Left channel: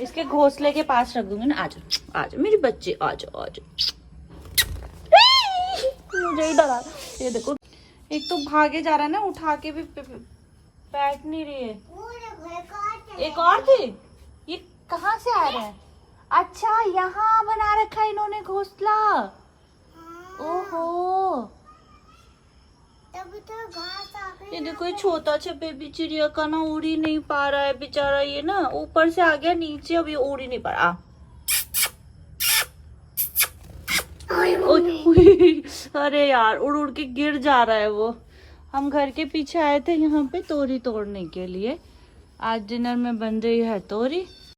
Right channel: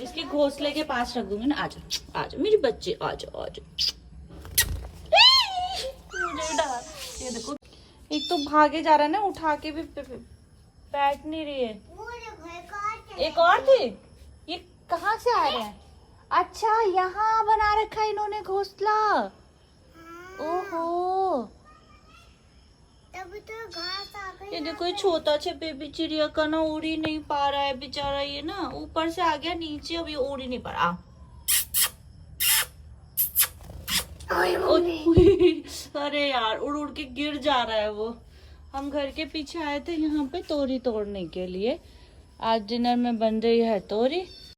इसके घोंसले के पास रख दूंगी ना। आजा आजा मेरी बच्चे, आजा आजा। मुझे ही डरा। ये देखो, एक तो भागे जा रहा है ना, उठा के भी बैठ नहीं रही है। एक और थी, ये कहाँ से आ रहे हैं? अच्छा, यहाँ बना रखा है इन्होंने घोंसला। ओहो, तभी तो घास आ गई। ये देखो, ये छोटा सा बेबी चिड़िया का ना उड़ ही नहीं पा रहा है बेचारा। ये ना ऊपर से आ गया नीचे, अब ये उड़ ही नहीं पा रहा। अरे यार, उड़ उड़ के गिर जा रहा है वो। हम घर के पीछे आए थे यहाँ पे तोरी तोड़ने के लिए। आज डिनर में बन रही है तोरी।